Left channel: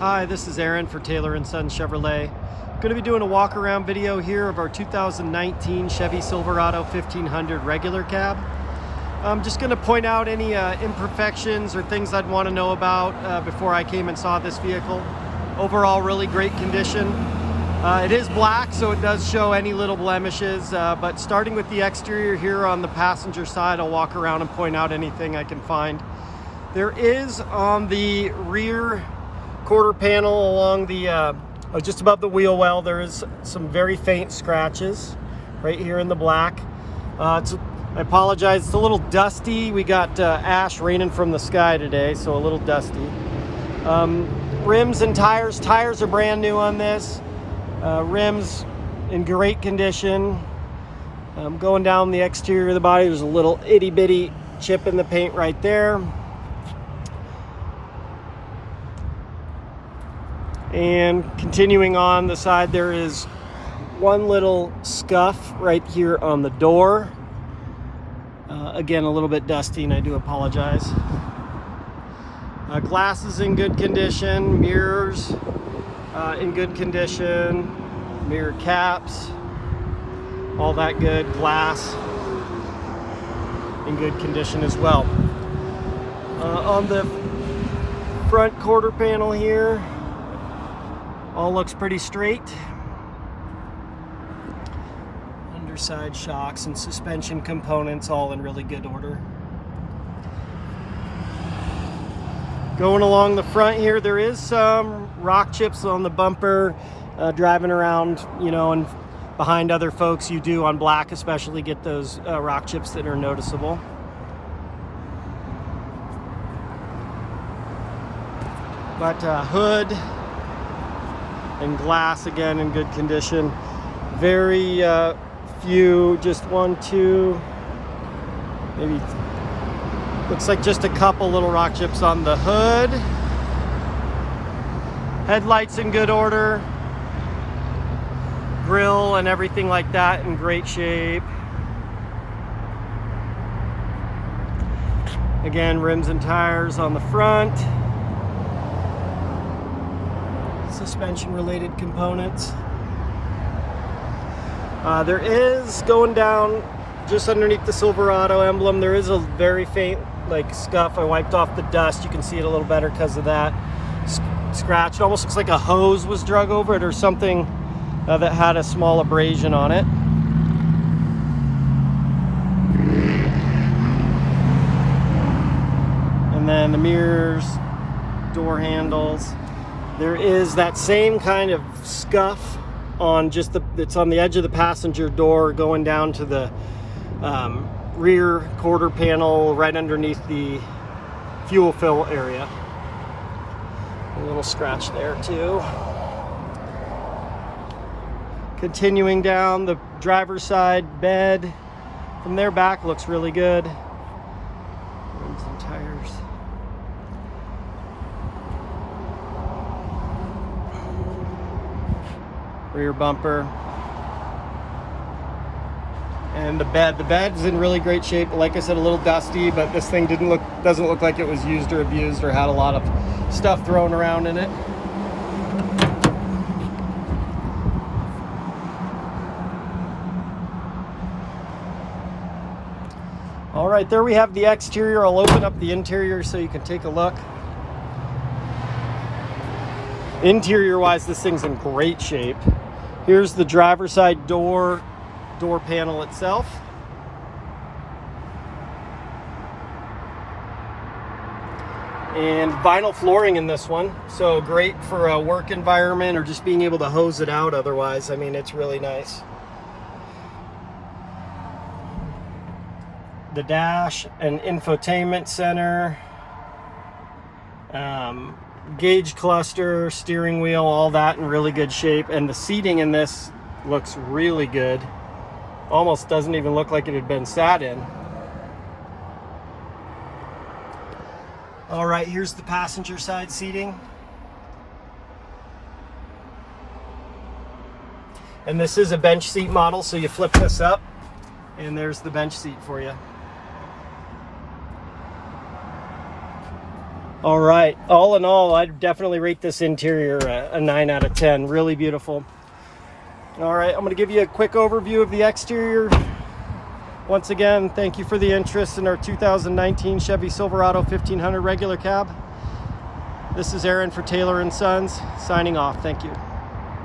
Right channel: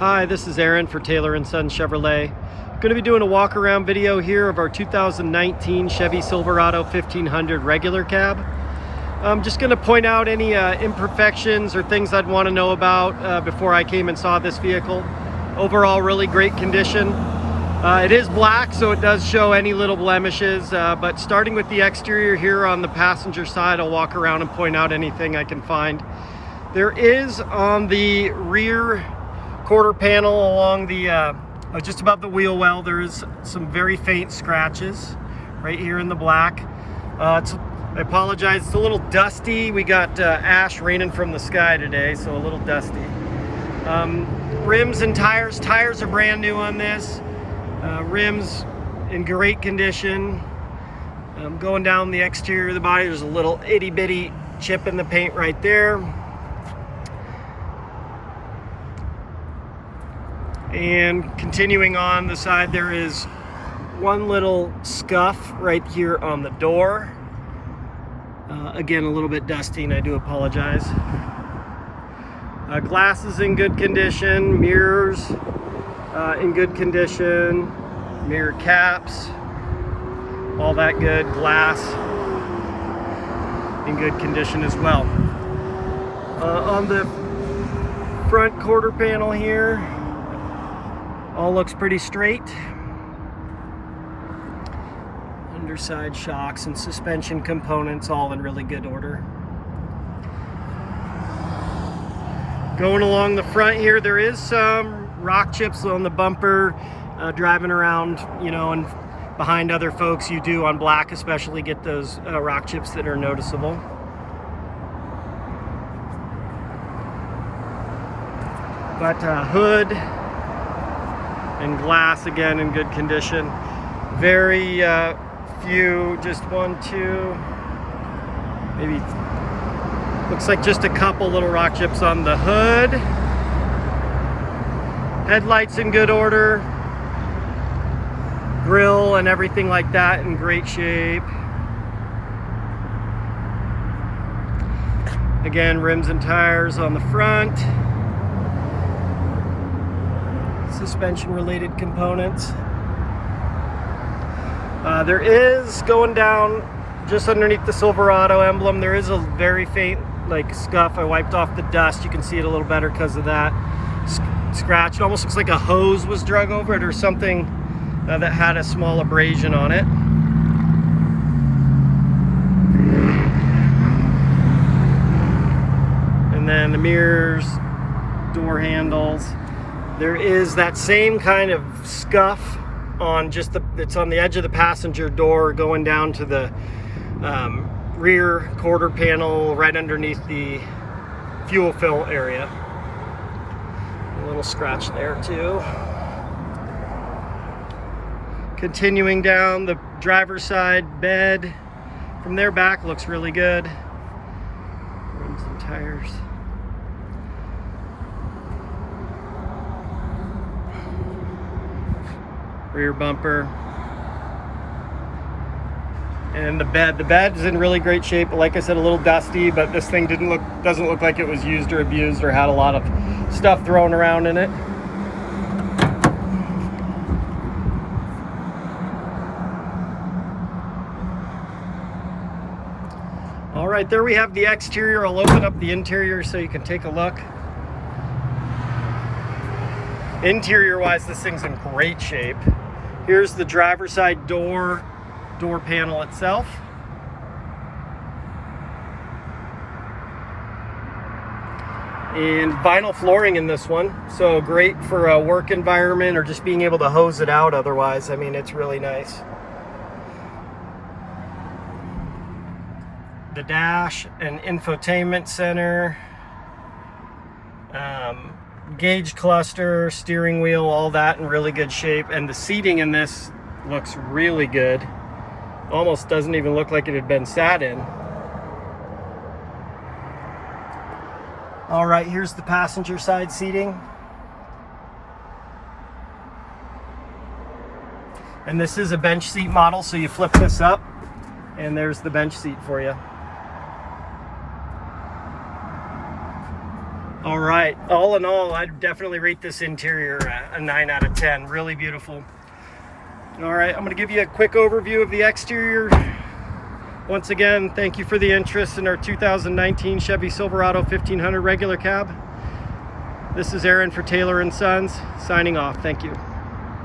Hi, this is Aaron for Taylor & Son Chevrolet. Going to be doing a walk around video here of our 2019 Chevy Silverado 1500 regular cab. I'm just going to point out any imperfections or things I'd want to know about before I came and saw this vehicle. Overall, really great condition. It is black, so it does show any little blemishes, but starting with the exterior here on the passenger side, I'll walk around and point out anything I can find. There is on the rear quarter panel along the just above the wheel well, there is some very faint scratches right here in the black. I apologize, it's a little dusty. We got ash raining from the sky today, so a little dusty. Rims and tires are brand new on this. Rims in great condition. Going down the exterior of the body, there's a little itty bitty chip in the paint right there. And continuing on the side, there is one little scuff right here on the door. Again, a little bit dusty, and I do apologize. Glass is in good condition, mirrors in good condition, mirror caps, all that good. Glass in good condition as well. On the front quarter panel here, all looks pretty straight. Underside shocks and suspension components all in really good order. Going along the front here, there is some rock chips on the bumper. Driving around, you know, and behind other folks, you do on black especially get those rock chips that are noticeable. But hood and glass again in good condition. Very few, just one, two, maybe, looks like just a couple little rock chips on the hood. Headlights in good order. Grill and everything like that in great shape. Again, rims and tires on the front. Suspension related components. There is, going down just underneath the Silverado emblem, there is a very faint like scuff. I wiped off the dust. You can see it a little better because of that scratch. It almost looks like a hose was drug over it or something that had a small abrasion on it. And then the mirrors, door handles. There is that same kind of scuff on just it's on the edge of the passenger door going down to the rear quarter panel right underneath the fuel fill area. A little scratch there too. Continuing down the driver's side bed, from their back looks really good. Rims and tires. Rear bumper. And the bed's in really great shape. Like I said, a little dusty, but this thing doesn't look like it was used or abused or had a lot of stuff thrown around in it. All right, there we have the exterior. I'll open up the interior so you can take a look. Interior wise, this thing's in great shape. Here's the driver's side door panel itself. And vinyl flooring in this one, so great for a work environment or just being able to hose it out otherwise. I mean, it's really nice. The dash and infotainment center, gauge cluster, steering wheel, all that in really good shape. And the seating in this looks really good. Almost doesn't even look like it had been sat in. All right, here's the passenger side seating. And this is a bench seat model, so you flip this up and there's the bench seat for you. All right, all in all, I'd definitely rate this interior a 9 out of 10. Really beautiful. All right, I'm going to give you a quick overview of the exterior. Once again, thank you for the interest in our 2019 Chevy Silverado 1500 regular cab. This is Aaron for Taylor & Sons, signing off. Thank you.